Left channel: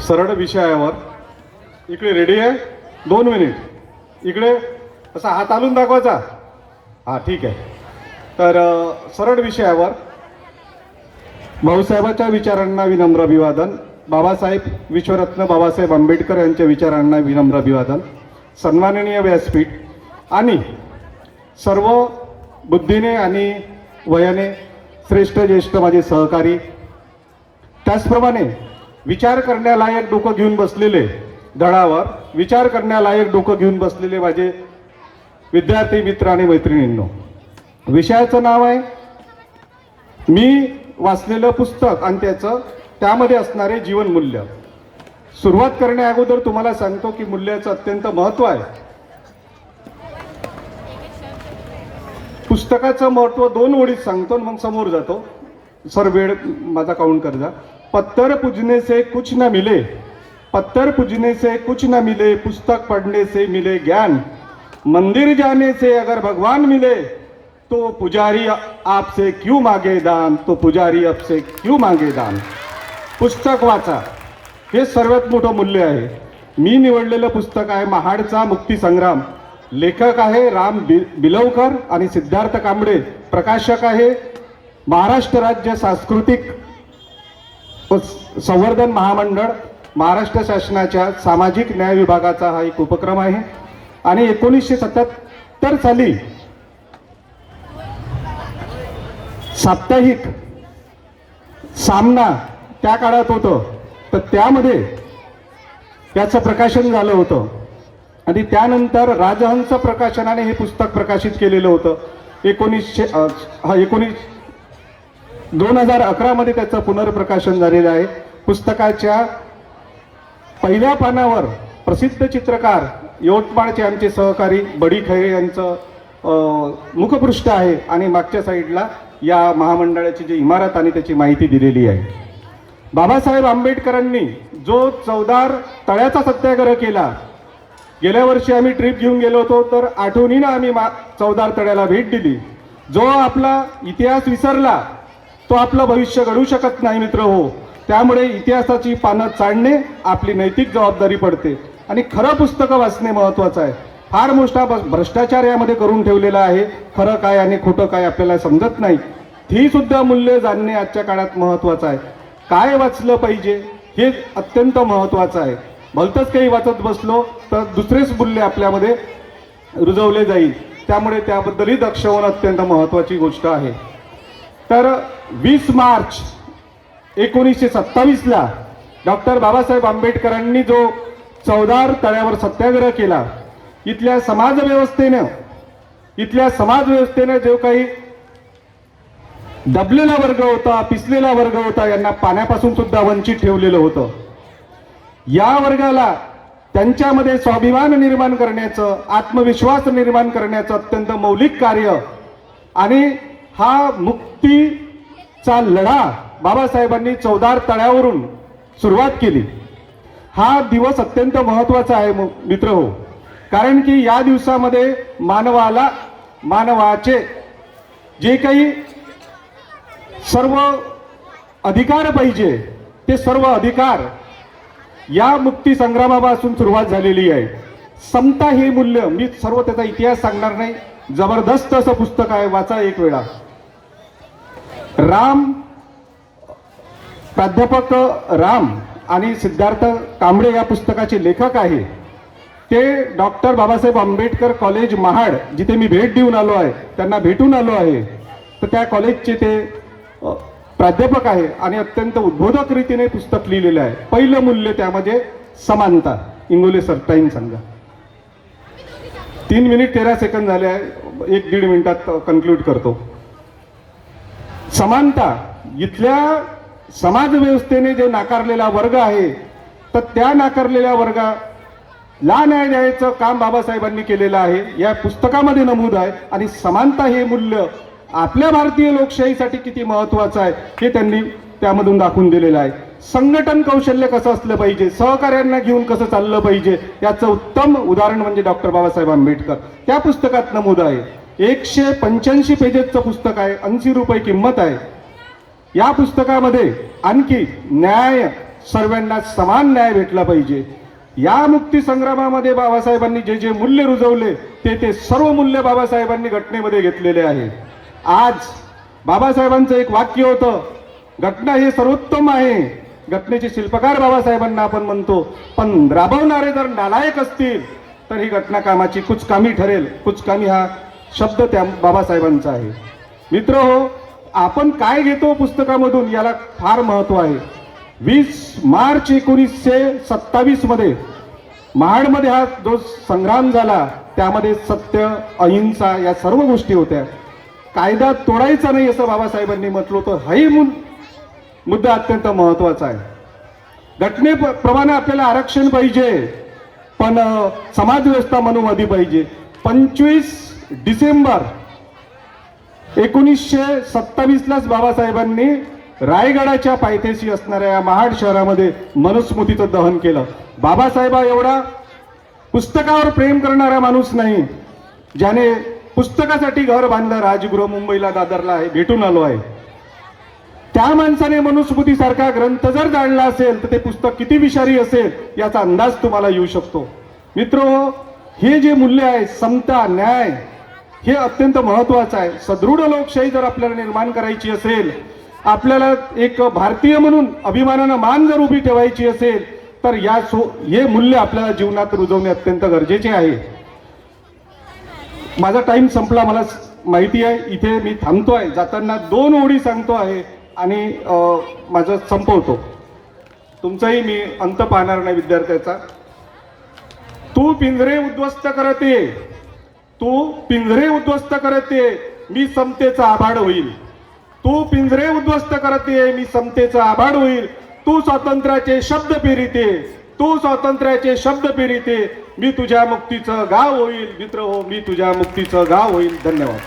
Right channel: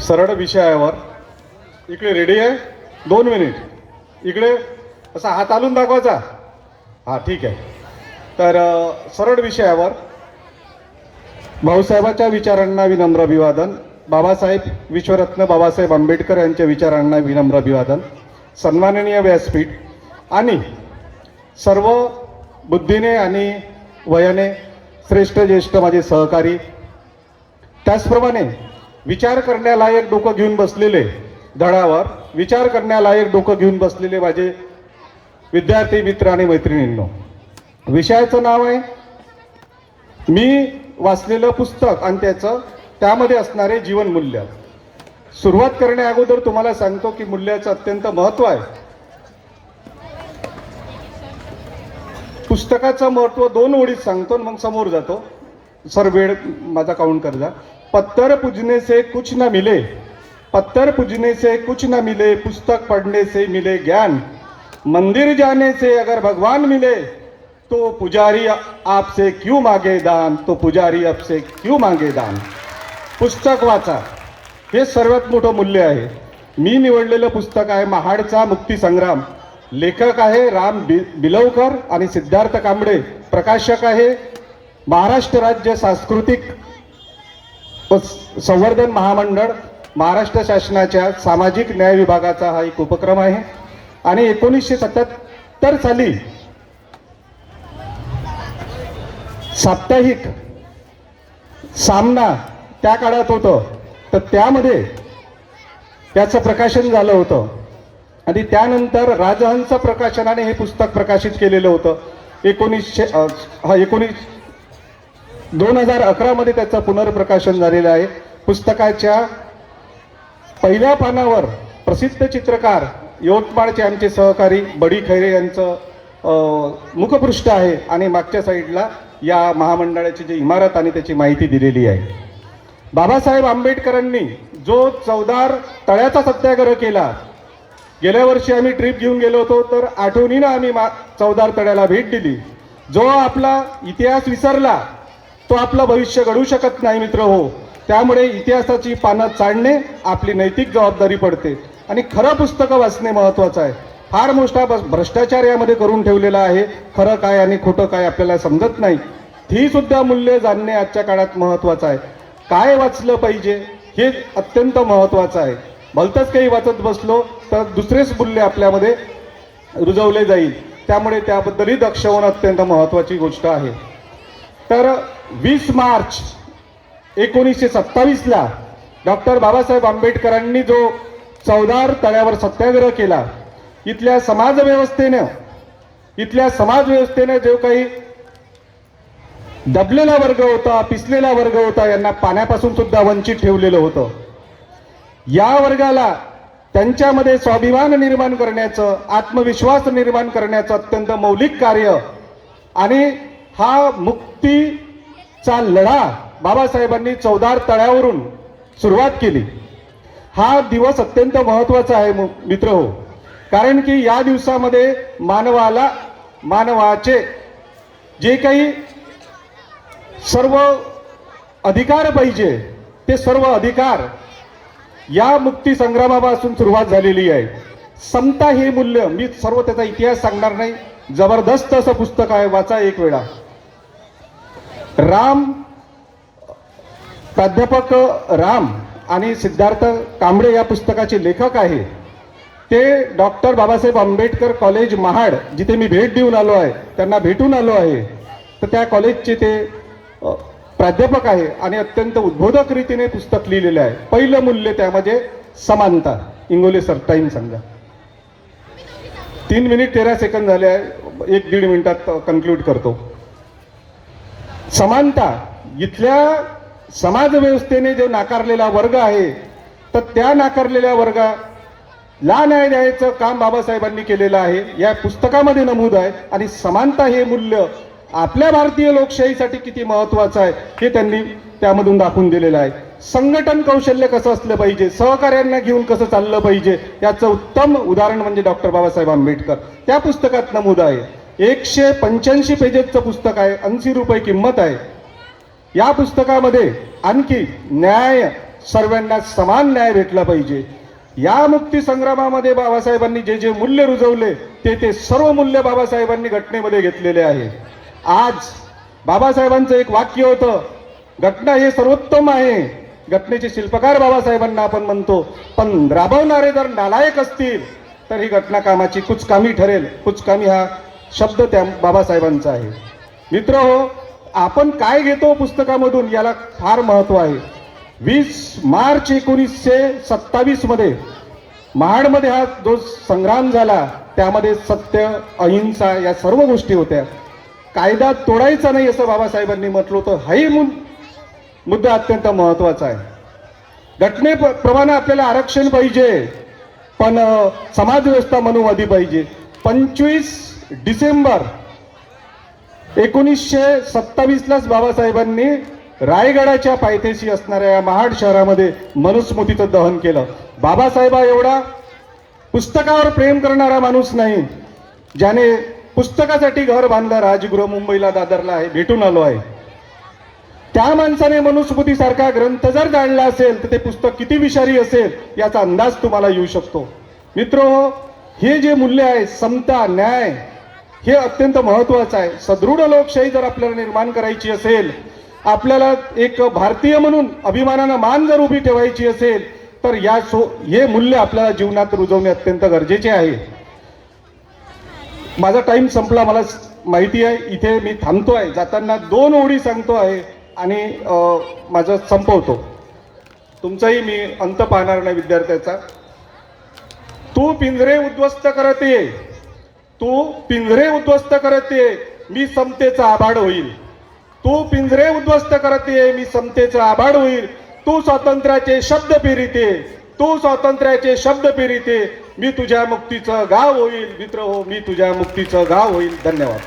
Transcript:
सरळ विषयावर इकडे रेडी आहे? दोन मिनिट इकडे? असा हात आलून दाखवायचा? हां ठीक आहे. तर सरळ विषयावर भाऊसाहेबाच्या विचारांना विनम्र अभिवादन. बाबासाहेब विश्वरत्न बाबासाहेब आंबेडकर यांच्या विचारांना विनम्र अभिवादन. सन्माननीय व्यासपीठ. आणि सर्व बुद्धीने आणि वयाने श्रेष्ठ ज्येष्ठ माझे सहकारी. त्याचप्रमाणे विचार करण्यालायक डोकं घेऊन बसलेले धडावर विचार करण्यालायक डोकं घेऊन बसलेले माझे विद्यार्थी मित्र आणि मैत्रिणींनो विषयाचं नाव आहे मी वाचलेलं पुस्तक आणि त्याचं त्यामध्ये असणारे जीवनमूल्य सुरुवात करण्या अगोदर तुम्हाला सांगतो की मूल्याचं अत्यंत महत्त्व आहे. पुस्तकाचं महत्त्व दोन ओळीत सांगतो आणि मग समोर जातो. सर वेळ माझा काउंट करजा. पत्थर पूजने से कुछ न मिले। पत्थर पूजने से कुछ न मिले पुस्तक पढ़ने से मिले ज्ञान। मंदिर जाने से अगर भगवान मिले तो पुजारी आपसे क्यों मांगे दान? तो पुजारी आपसे क्यों मांगे दान? पुस्तक वाचा। हे सर्वात मोठं मूल्य आहे। मी निवडलेलं पुस्तक आहे महाडचा मुक्ती संग्राम लेखक आहे राम बि बिलवकर आणि सिद्धार्थ कांबळे. प्रकाशक आहे महाराष्ट्र राज्य सांस्कृतिक संवर्धन महामंडळ महाराष्ट्र शासनाच्या सामाजिक न्याय विभागाचा हा एक उपक्रम आहे. आणि एकोणीसशे सत्याहत्तर साली साप्ताहिक सामना त्या काळात होतं. तर त्यामध्ये त्याचं प्रकाशन झालं होतं. आणि त्यानंतर राजहंस प्रकाशनाने हे पुस्तक प्रकाशित केलेलं होतं. एकोणीसशे हा एकोणीस दोन हजार अकरामध्ये त्याचं पुनर्प्रकाशन झालेलं आहे. पुस्तकाच्या पहिल्या पानावर प्रसिद्ध चित्रकार यवतमाळचे आमचे सहकारी बडी खैरे यांचं मुखपृष्ठ आहे आणि मागच्या साईडला या महामंडळाची जी इमारत आणि त्याची माहिती दिलेली आहे. बाबासाहेब आंबेडकरांनी जो चौदार तळ्याचा सत्याग्रह केला गेल्या वर्षी आम्ही ट्रिप घेऊन गेलो होतो तर आठवणीनं आम्ही मा चौदार तळ्याला भेट दिली. जो आपला इतिहास विसरला तो आपलं भविष्य घडू शकत नाही मित्र हो. त्यामुळे इतिहासाची पानं चाडणे आपली नैतिक जबाबदारी पडते. आणि खरं पुस्तकं वाचणे महत्वाचं आहे. फार मोठा भ्रष्टाचार यामध्ये करून ठेवलेला आहे. खरं काय आणि खोटं काय आपल्याला समजत नाही. ही सुद्धा मूल्य जाणणे आजच्या काळात महत्वाचं आहे. काय वाचलं पाहिजे हे अत्यंत महत्वाचं आहे. भलतंच काही वाचत बसलो तर दुसरेच मूल्य आपल्यामध्ये रुजवले जाईल. त्यामुळे त्याबद्दलही दक्ष होणं अत्यंत महत्वाची गोष्ट आहे. तर वीस मार्च एकोणीसशे सत्तावीसला डॉक्टर बाबासाहेब आंबेडकरांनी जो चौदार तळ्यावर सत्याग्रह केला इथल्या समाजव्यवस्थेनं इथल्या समाजव्यवस्थेनं जो काही दबलेला वर्ग होता पिसलेला वर्ग होता यांना पाण्यापासून सुद्धा वंचित ठेवलेलं होतं. या वर्गाला त्यांच्यामध्ये स्वाभिमान निर्माण करण्याचं आत्मविश्वास निर्माण करण्याचं अत्यंत मौलिक कार्य आणि हा मुक्तीचा लढा बाबासाहेबांनी चौदार तळ्यावरून सुरुवात केली. हा दिवस अत्यंत महत्त्वाचा आहे मु- मित्र हो. कारण की या दिवसामध्ये मानवाला मानवाचे जे काही सर्व अधिकार पाहिजे ते सर्व अधिकार या मुक्ती संग्रामापासून सुरुवात झालेली आहे. समता हे मूल्य मी सर्व त्याचा इतिहास सांगणार नाही. जबरदस्त असं पुस्तक आहे वाचा एक वेळा. राम प्राध्यापक राम आणि सिद्धार्थ कांबळे या पुस्तकाचे लेखक आहे. ते डॉक्टर बाबासाहेब आंबेडकर कॉलेज महाड जिथे मी भेट देऊन आलो आहे त्यांना भेटून आलो आहे. तर त्या कॉलेजचे ते प्राध्यापक आहे आणि अत्यंत उद्बोधक रीतीने पुस्तक लिहिलेलं आहे. पहिलं मूल्य त्यामध्ये समानता. इंगोले सर टाईम सांगा. तीन मिनिट तेरा सेकंद झाले आहे. एक दीड मिनिटात कन्क्लूड करतो. समानता इथल्या समाज व्यवस्थेने जो नाकारलेला वर्ग आहे तर त्या नाकारलेल्या वर्गा ला न्याय द्यायचं काम बाबासाहेबांनी केलेलं आहे या पुस्तकामध्ये नमूद आहे आणि समानता हे मूल्य आपल्या भारतीय लोकशाहीसाठी किती महत्वाचं आहे हे त्यांनी त्यामधून दाखवून दिलेलं आहे. संघटन कौशल्य कसं असलं पाहिजे सहकार्यांना घेऊन कसं चाललं पाहिजे याचं उत्तम उदाहरण म्हणजे डॉक्टर बाबासाहेब आंबेडकर. त्या पुस्तकात नमूद आहे. एकशे पंच्याऐंशी पेजेसचं पुस्तक आहे. ऐंशी रुपये किंमत आहे. या पुस्तकामध्ये आणखी न्याय सर्वांना समान न्याय भेटला पाहिजे. या मुक्ती संग्रामामध्ये बाबासाहेबांनी जे जे मूल्य रुजवले ते ते सर्व मूल्य बाबासाहेबांनी घटनेमध्ये घेतलेले आहे. आज बाबासाहेबांचं एक वाक्य होतं घटना हे सर्वोत्तम आहे. घटनेचे शिल्पकार बाबासाहेबांना आपण म्हणतो पण राबवणारे जर नालायक असतील तर ही घटना कामाची कुचकामी ठरेल. कुचकामी हा शब्द त्या बाबासाहेबांचा आहे. मित्र हो आपण काय घेतो पुस्तकामधून याला फार महत्त्व आहे. वीस मार्च एकोणीसशे सत्तावीसमध्ये महाडमध्ये हा जो संग्राम झाला त्यामध्ये सत्य अहिंसा या सर्व गोष्टी होत्या. कायदा तोडायचा नाही असं बाबासाहेबांनी म्हटलं होतं. हाही मुद्दा अत्यंत महत्त्वाचा आहे. घटनेप्रमाणे आपल्याला आरक्षण पाहिजे पण समाजव्यवस्था मनोवादी पाहिजे. पंचवीस डिसेंबर एकोणीसशे सत्तावीसलाच बाबासाहेबांनी रायगडाच्या पायथ्याशी असणाऱ्या या महाड शहरामध्ये मनुस्मृतीचं दहन केलं. बाबासाहेबा एवढा पुस्तकावर प्रेम करणारा माणूस नाही ज्याने पुस्तकासाठी घर बांधलं राजगृह मुंबईला दादरला आहे भेटून आलो आहे. त्या माणसाने मनुस्मृतीसारखा ग्रंथ जर जाणला असेल तर ते पुस्तक किती विषारी असेल याचा अंदाज तुम्हाला येऊ शकतो. मित्र हे जे मूल्य आहे समता न्याय हे अत्यंत महत्वाचं आहे. सदृढ लोकशाही जर आपल्याला निर्माण करायची असेल आपल्याला एक भारतीय म्हणून अभिमानानं मान जर उभी ठेवायची असेल तर या सो हे मूल्य आपल्याला जीवनात रुजवणे अत्यंत गरजेचे आहे. माझा टाइम संपला मला माहिती आहे इथे मी थांबतो आहे जाताना दोन ओढी सांगतो आहे आणि माझं संपवतो. तुमचाही मी अंत पाहणार नाही विद्यार्थ्याचा. तू पिंजरे उद्ध्वस्त करते. ये तू पिंजरे उद्ध्वस्त करत ये मी समतेचा आभाड होईल. तू पिंजरे उद्ध्वस्त करत ये मी समतेचा आभाड होईल. तू स्वातंत्र्याचे शब्द पिरिते तू स्वातंत्र्याचे शब्द पिरिते मी तुझ्या मुक्तीचं गाव होईल मित्र हो मी तुझ्या मुक्तीचं गाव होईल. धन्यवाद.